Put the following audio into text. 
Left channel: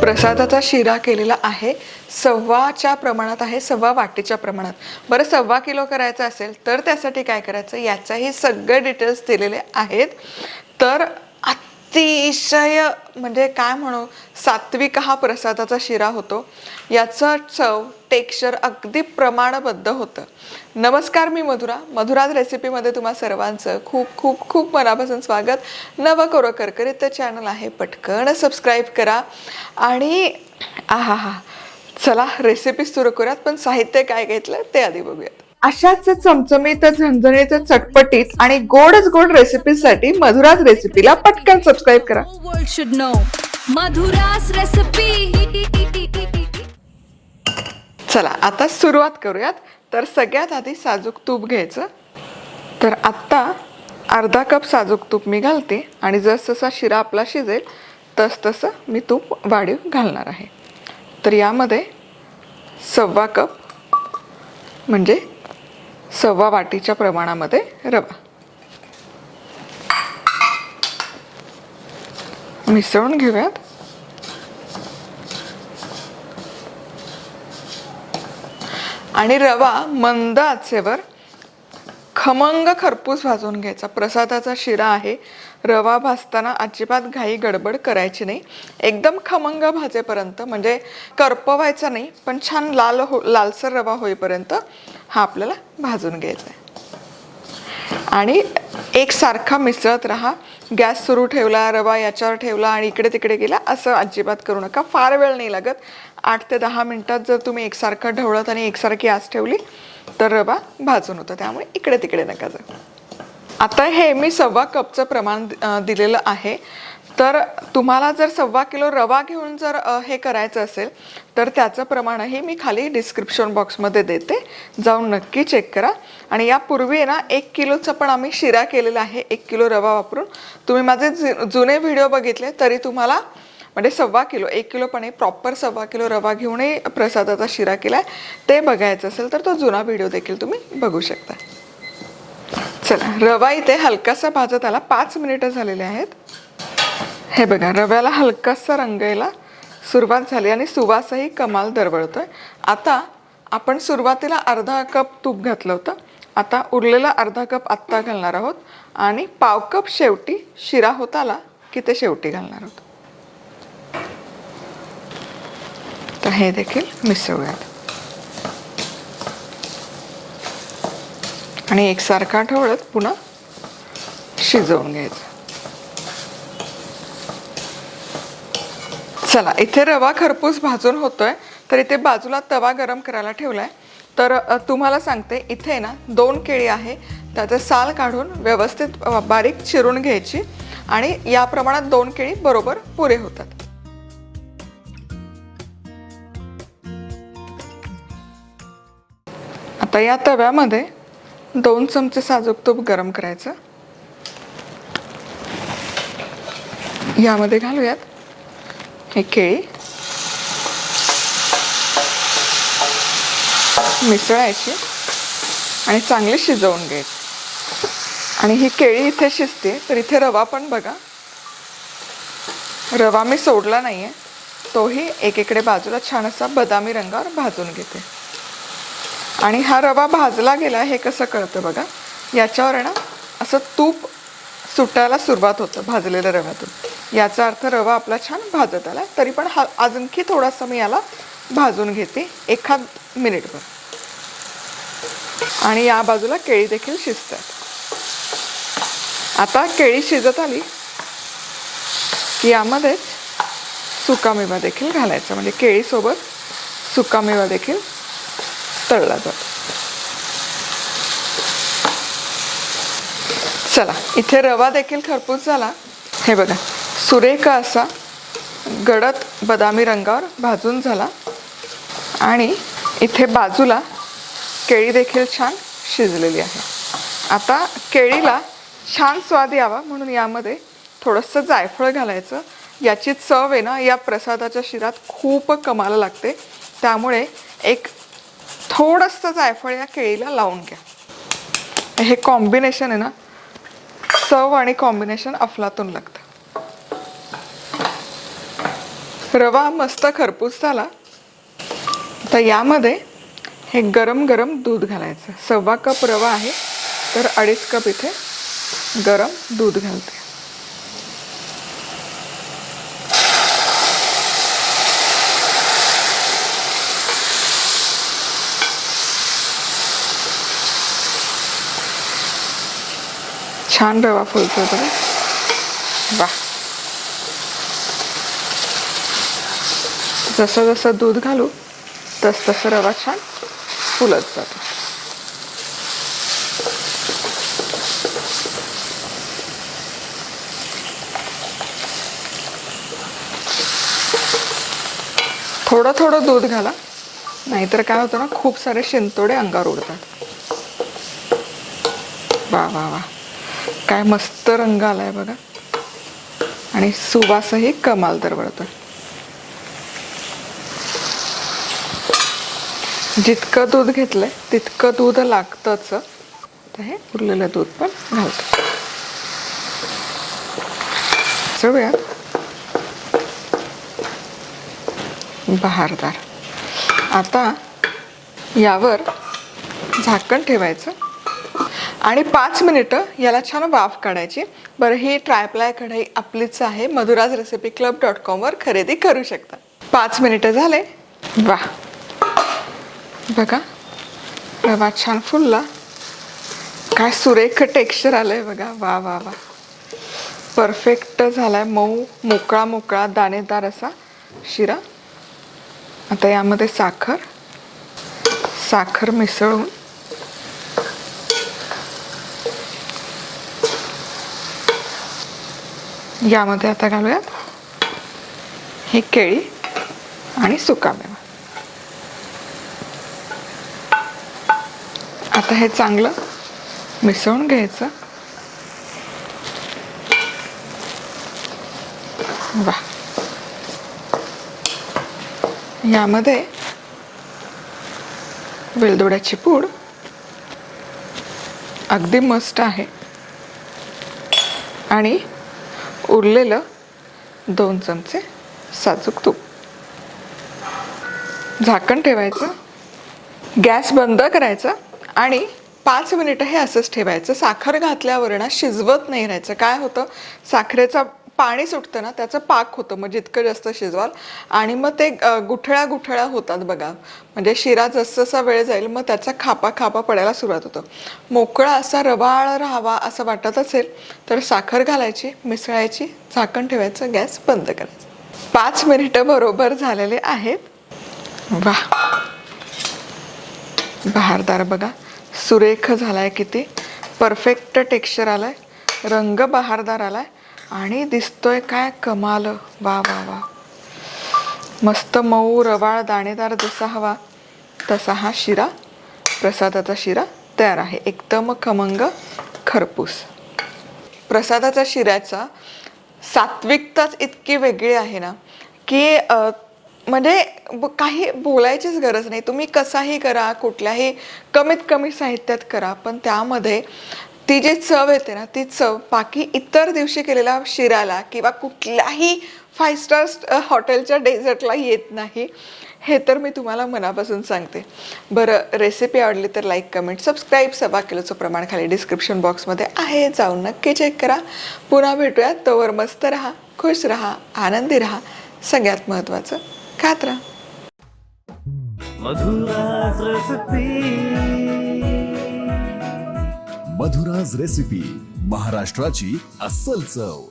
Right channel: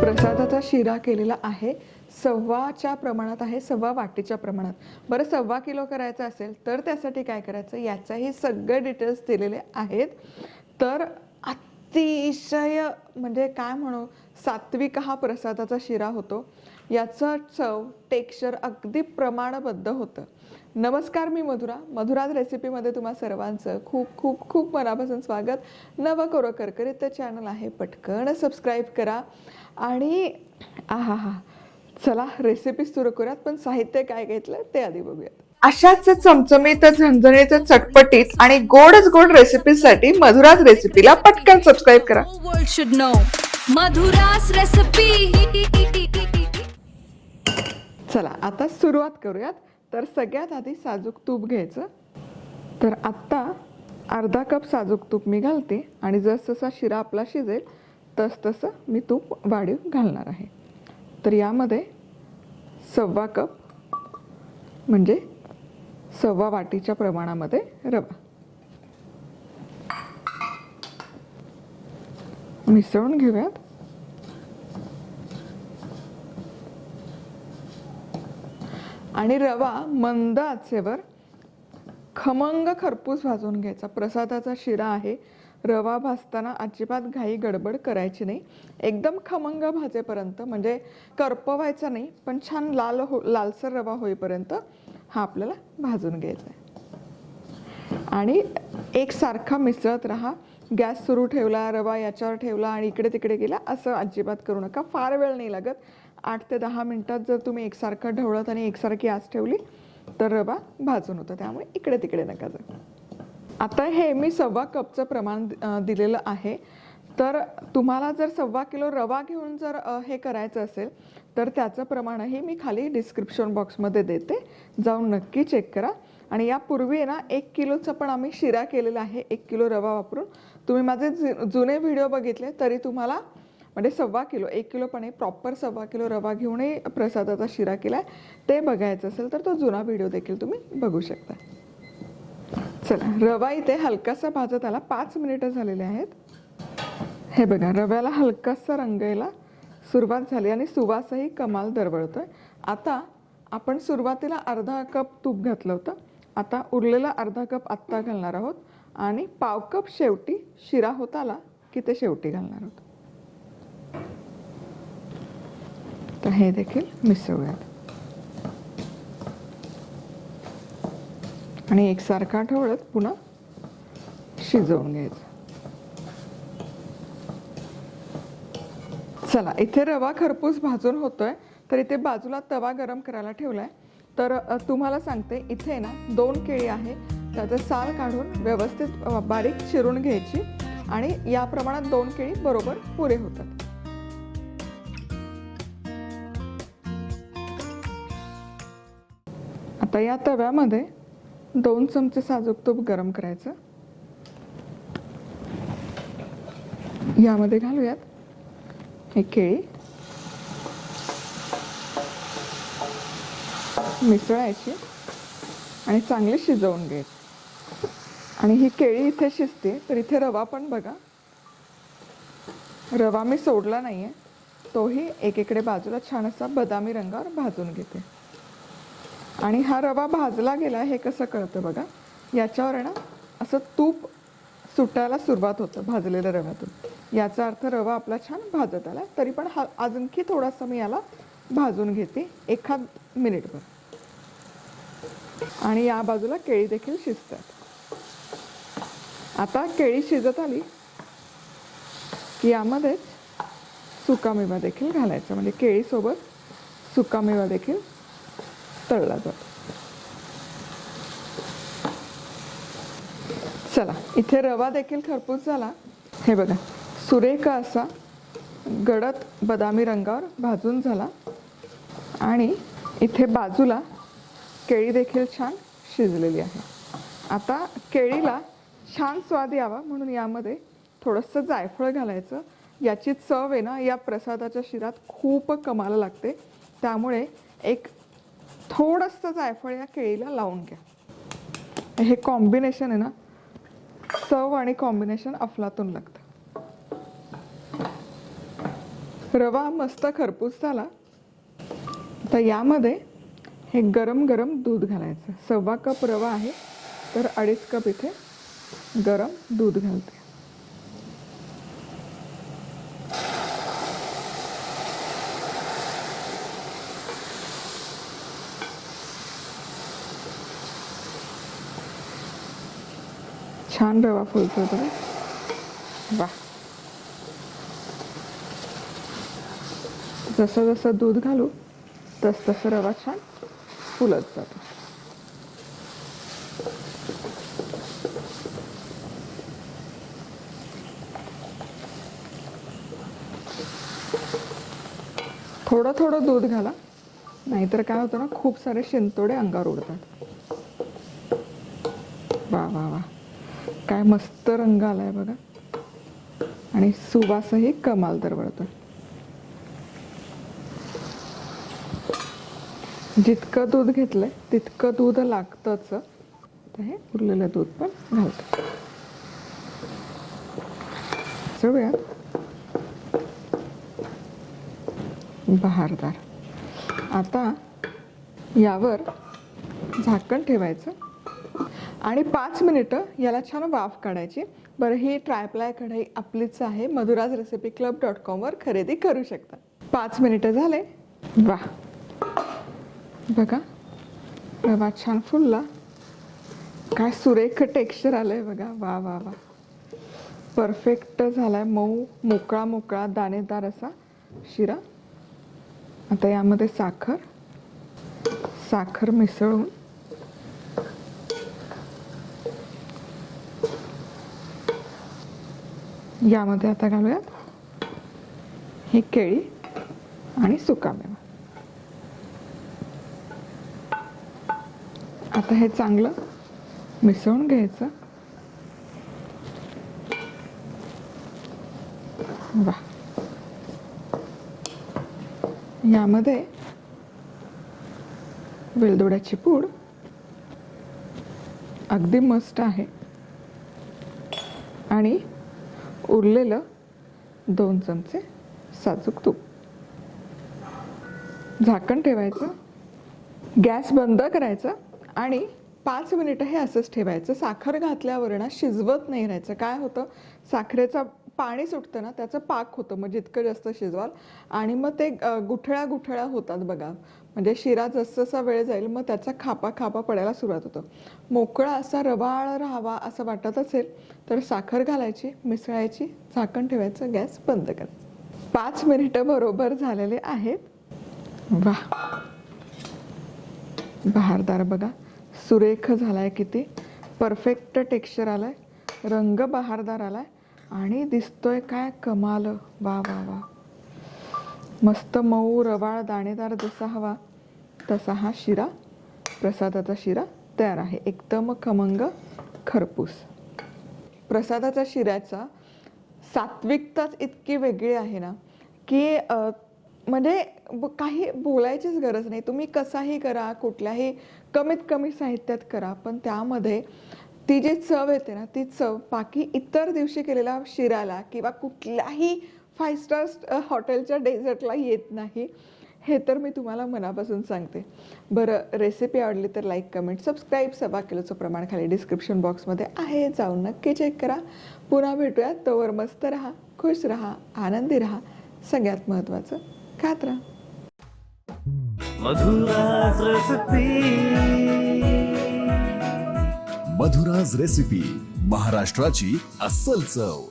प्रसादाचा शिरा केलेला आहे, सव्वाच्या प्रमाणात आहे, सव्वा वाटीच्या प्रमाणात. बरं, 1.25 किलो करायचं असेल तर त्यासाठी काय करायचं याचाही सगळे डिटेल्स दिलेले आहेत. तर अतिशय म्हणजे काय म्हणू, सात्विक हा प्रसादाचा शिरा होतो. याचं चव टेक्स्चर अगदी प्रमाणबद्ध होतं. नमस्कार, मी मधुराज रेसिपीमध्ये तुम्हा सर्वांचं खूप खूप खूप मनापासून स्वागत. नवं कोरं करकरीत चॅनल आहे, पटकन सबस्क्राईब करा. आणि आहा, चला रेसिपी सुरू करूयात. पण साहित्य काय घेतलं ते आधी बघूयात. अशाच चमचमीत, झणझणीत, चटपटीत आणि गोडच गोड रेसिपीसाठी मधुराज रेसिपीला पटकन सबस्क्राईब करा. मधुराज रेसिपी. चला आता सुरुवात करूयात. तर सगळ्यात आधी साजूक तूप घ्यायचं. तर आत्ता अर्धा कप साजूक तूप मी घालते आणि जसजसा शिरा आपला शिजेल तसं मी तूप वाढीव घालणार आहे. तर यामध्ये 1.25 कप म्हणजे 1.25 वाटीच्या प्रमाणामध्ये रवा मिसळून घेऊयात. आणि रवा मंद आचेवर खमंग खरपूस भाजून घ्यायचा. प्रसादाचा शिरा आहे, रवा भाजताना अजिबात घाई गडबड करायची नाही. एकदम खमंग भाजेपर्यंत, म्हणजे करपवायचा नाही पण छान लालसर रवा होईपर्यंत हा आपल्याला भाजून घ्यायचा आहे. आणि एकसारखा मिसळत राहा. गॅस सुरू ठेवला, रवा याच्यावर ठेवला आणि इकडे तिकडे गेला असं अजिबात करू नका. फार वेळ नाही लागत. 8 ते 10 मिनिटात जर तुम्ही एकसारखं ढवळत आणि एकसारखी आच ठेवली तर रवा भाजून होतं. त्यामुळे इकडे तिकडे नका जा. आता हे मी 1.25 कपचं प्रमाण दिलेलं आहे. तर तुम्हाला जर 1.25 किलो रवा घेऊन जर हे करायचं असेल तर त्याचं प्रमाणही मी खाली डिस्क्रिप्शन बॉक्समध्ये देते, जाऊन नक्की चेक करा. आणि यापूर्वी ना 1 किलोचं पण आम्ही शिरा केलेला आहे, 1 किलो रवा वापरून. तुम्ही माझे जुने व्हिडिओ बघितले तरी तुम्हाला, म्हणजे 1.25 किलो, 1 किलो पण प्रॉपर 1.25 किलो रवा घेऊनही प्रसादाचा शिरा केला आहे, ते बघायचं असेल तर तो जुना व्हिडिओ देखील तुम्ही बघू शकता. चला, रवा इथे हलकासा भाजत आला, 5 मिनिटं झालेले आहेत. हे बघा, रव्याला हलकासा रंग यायला सुरुवात झाली आणि सुवासही कमाल दरवळतोय. आता आपण सुरुवातीला अर्धा कप तूप घातलं होतं, आता उरलेला अर्धा कप आत्ता घालणार आहोत. आणि पाव कप शेवटी शिरा होत आला की ते शेवटी घालणार आहोत. तर हे देखील मिसळूयात आणि एकसारखा ढवळत पुन्हा शिजवून घ्यायचं. चला, इथे रवा खरपूस भाजून होतोय तर इथे बाजूला तवा गरम करायला ठेवलाय. तर तुम्हाला सांगते, इथे ना 2 केळी आहे, त्याचं साल काढून व्यवस्थित बारीक चिरून घ्यायची आणि या प्रमाणात 2 केळी बरोबर पुरे होतात. आता या तव्यामध्ये 2 चमचे साजूक तूप गरम करायचं. यामध्ये घालूयात हे केळी, मिसळायची आणि चांगली शिजवून घ्यायची. आणि ही केळी इथे शिजते तर इथे रवा पण बघा, रवा मी सोडला नाहीये, तोही एकीकडे बाजूला छान असा बदामी रंगावर भाजून घेते. आणि हा रवा भाजला गेला हे कसं कळतं बघा, याच्यावर आहे ना असं तूप सुटायला सुरुवात होतं भाजलेल्या रव्यातून. याचा अर्थ रवा आपला छान भाजत आला. तरी पण हा आणखी थोडासा मी याला भाजून घेते, 1 मिनिटभर. आणि या बाजूला केळी देखील शिजतात. आता केळी शिजत आली की यामध्ये सुकामेवा देखील घालायचा, म्हणजे केळीसोबत सुकामेवा देखील तळला जातो. चला, इथे रवा देखील खरपूस झाला. हे बघा, सुरेख असा गडद बदामी रंगावर भाजून झाला. आणि इथे बाजूला केळी देखील छान शिजलेली आहे. आता केळीला छान स्वाद यावा म्हणून यामध्ये थोडंसं जायफळ घालायचं. याची चव आहे ना या प्रसादाच्या शिरात खूप कमाल लागते. त्यामुळे एक थोडंसं जायफळ या केळीला लावून घ्या. हे कॉम्बिनेशन आहे ना, चव आणि कॉम्बिनेशन अफलातून लागतं. रवा मस्त खरपूस झाला. तर यामध्ये हे गरम गरम दूध घालायचं. 1.25 कप रवा आहे तर 2.5 कप इथे गरम दूध घालते. छान रवा फुलतोय बघा. वा. जसं जसं दूध घालू तसं रवा छान फुलत जातो. थोडं थोडं दूध घाला, नाहीतर काय होतं ना, खूप सारे शिंतोडे अंगावर उडतात. वा वा वा, काय मस्त रंग आलाय बघा. आणि सुवासही कमाल दरवळतोय. जितकं दूध घेतलंय तितकं दूध लागतंच. तर हे उरलेलं दूध पण घालतो. चढूयात. बहारदार. आता यावर झाकण ठेवायचं आणि 5 मिनिटं याला छान वाफ काढायची. बरं, ही ट्रायप्लाय कढई आपलीच आहे. madhurasrecipeclub.com वर खरेदी करू शकता. 5 मिनिटं झाले. वा, बघा रवा छान फुलला. काय सुरेख टेक्स्चर आलंय बघा. वा वा वा, परफेक्ट झालाय. मऊ मोकळा मोकळा दाणेदार असा शिरा. आता यामध्ये साखर मिसळून यामध्ये आता घालूयात ही केळी आणि सुकामेवा. आता हे चांगलं मिसळून घ्यायचं. वा. यामध्ये वेलदोड्याची पूड अगदी मस्त आहे आणि उरलेलं 2 चमचे साजूक तूप. झाकण ठेवायचं, गॅस बंद करायचा आणि 5 मिनिटं हे असंच ठेवायचं. साखर घातल्यावर ना शिजवत नाही राहायचं. काय होतं, साखरेचं पाणी सुटतं ना, त्याचं पाक होतं. मग जितकं जास्त शिजवाल आणि मग ते गुठळ्या होतात बघा. म्हणजे शिरा जसजसा वेळ जाईल मग त्याचा खापा पडायला सुरुवात होतं. मोकळा असा रवाळ राहावा असं वाटत असेल तर साखर घालायची, मिसळायची, झाकण ठेवायचं, गॅस बंद करायचं. 5 मिनिटं बरोबर झालेले आहेत. वा, बहारदार बघा, सुरेख झालाय. किती परफेक्ट टेक्स्चर आलाय. रंग बहारदार आलाय आणि दिसतोय काय कमाल. वा वा वा, मस्त मऊ रवाळ दाणेदार जसा हवा तसा हा शिरा, प्रसादाचा शिरा तयार आहे. एकदम खमंग खरपूस. प्रसादाच्या शिऱ्याचा सात्विकताच इतकी वेगळी आहे ना की म्हणजे काही बोलायचीच गरज नाही. तुम्ही कसाही करा, कुठल्याही कमीत कमी साहित्यात करा, पण त्यामध्ये ती जी चव येते ना, ती चव बाकी इतर दिवशी केलेल्या शिऱ्याला किंवा कुठल्याही 5 स्टार हॉटेलच्या डेझर्टला येत नाही. हे तर मी तुम्हाला मनापासून सांगते. बरं, रेसिपी आवडली तर लाईक, कमेंट, सबस्क्राईब 1.25 किलोचं प्रमाण खाली डिस्क्रिप्शन बॉक्समध्ये आहे, जाऊन नक्की चेक करा. पुन्हा भेटूयात. तोवर मस्त राहा, खुश राहा, आनंदी राहा. सगळ्यात महत्त्वाचं, खात राहा. मधुराज रेसिपी, महाराष्ट्राची अस्सल चव.